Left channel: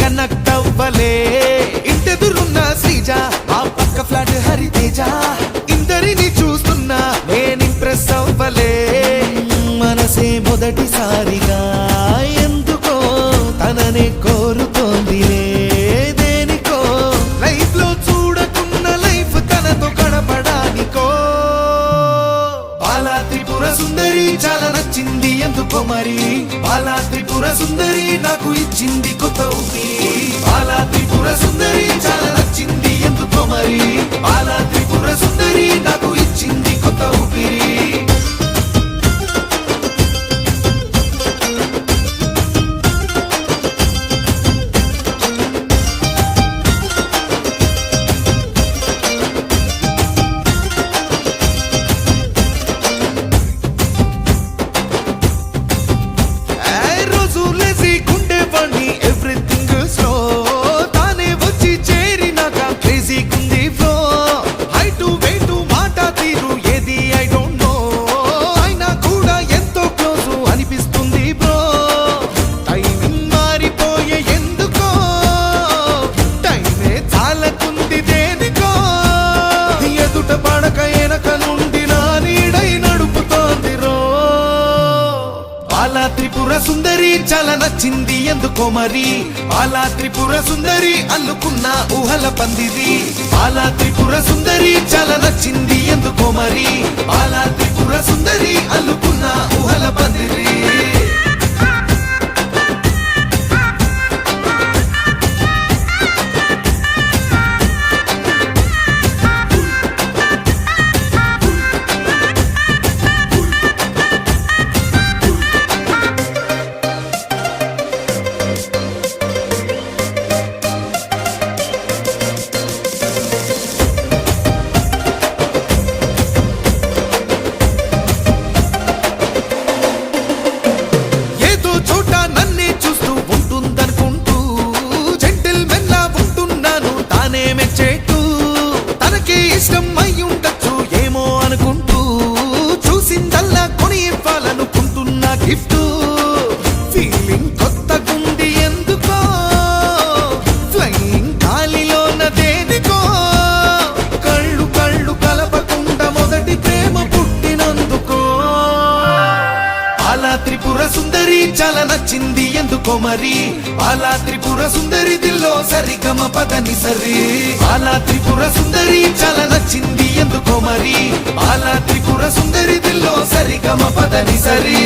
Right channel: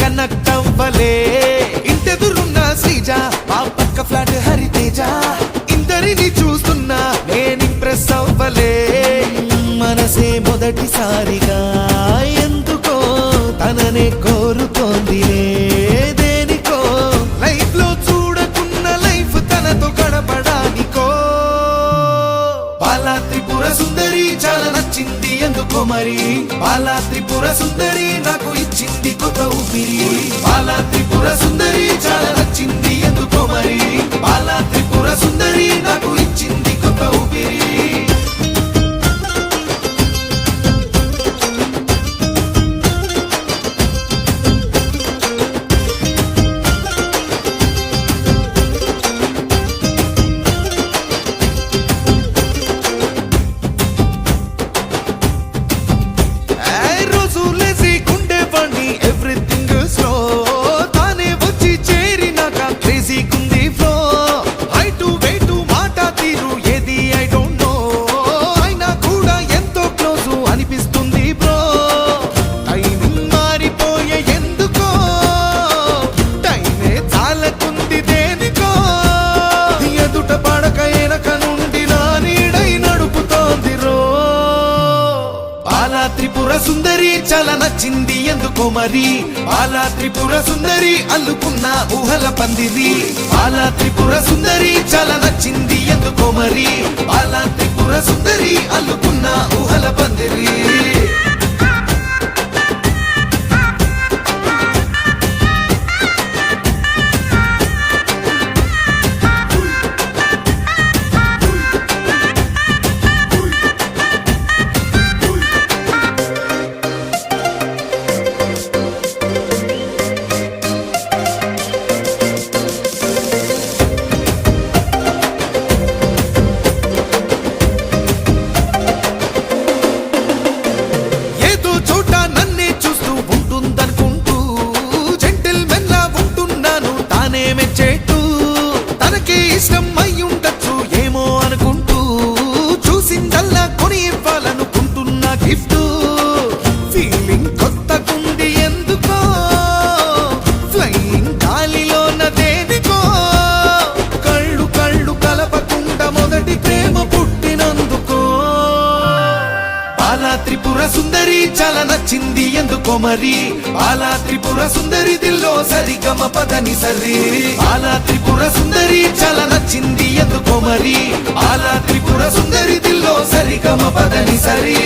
Connect అవ్వలే. ఇంటెదురున్న శ్రీజ, మా పక్క ఫ్లాట్ హరితేజ, ఇందరిని చూస్తున్నా నేను ఇంప్రెస్ అవ్వలే. మనసే మొదటిసారిగా ఎందుకో తననే కోరుతోందిలే. దేనికో లైఫ్ లో చూడకున్న లైఫ్ తనతో గడపడానికో. బాలా త్రిపుర సుందరి చాలా నచ్చింది ఎందుకో మరి. బాలా త్రిపుర సుందరి నాకు ఇచ్చింది కొత్త ఊపిరి. బాలా త్రిపుర సుందరి చాలా నచ్చింది ఎందుకో మరి. బాలా త్రిపుర సుందరి నాకు ఇచ్చింది కొత్త ఊపిరి. గుండెవాణ్ణి ఎవ్రీథింగ్ స్లో, తానే వచ్చి చేరినాక క్రేజీ కుంది ఫ్లో. హైటు వెయిటు మాట తీరు ఏది ఐ డోంట్ నో, అయినా కూడా ఎంతో క్లోజ్ అనిపిస్తుంది బ్రో. టైమింగ్ మారిపోయే ఎందుకో, టైమే చాలకుంది దేనికో. ఎదుట పడక ఎనక నుండి నా నీడై నడుపుతోంది రో. బాలా త్రిపుర సుందరి చాలా నచ్చింది ఎందుకో మరి. బాలా త్రిపుర సుందరి అల్లుకున్న ఊహల పందిరి. బాలా త్రిపుర సుందరి చాలా నచ్చింది ఎందుకో మరి. బాలా త్రిపుర సుందరి అల్లుకున్న ఊహల పందిరి. చోట నన్నే చూస్తూ ఉంటుందనుకుంటూ జెంటిల్మెన్ లా ఉంటున్నాను తానే మెచ్చేట్టు. తనకే ఇష్టం అయి ఉండొచ్చు ఏమో అనుకుంటూ, చూసిందల్లా కొని ఇవ్వాలనుకుంటున్నా గిఫ్ట్. ఫీలింగ్ కొత్తగుంది ఎందుకో, ఫ్లయింగ్ గాలిలోన దేనికో. కళ్ళు కళ్ళు కలపకుండా మొదటి ప్రేమ పుట్టినందుకో. బాలా త్రిపుర సుందరి చాలా నచ్చింది ఎందుకో మరి. బాలా త్రిపుర సుందరి దిల్లో సరిగమ పదని సరి. బాలా త్రిపుర సుందరి చాలా నచ్చింది ఎందుకో మరి. బాలా త్రిపుర సుందరి దిల్లో సరిగమ పదని సరి.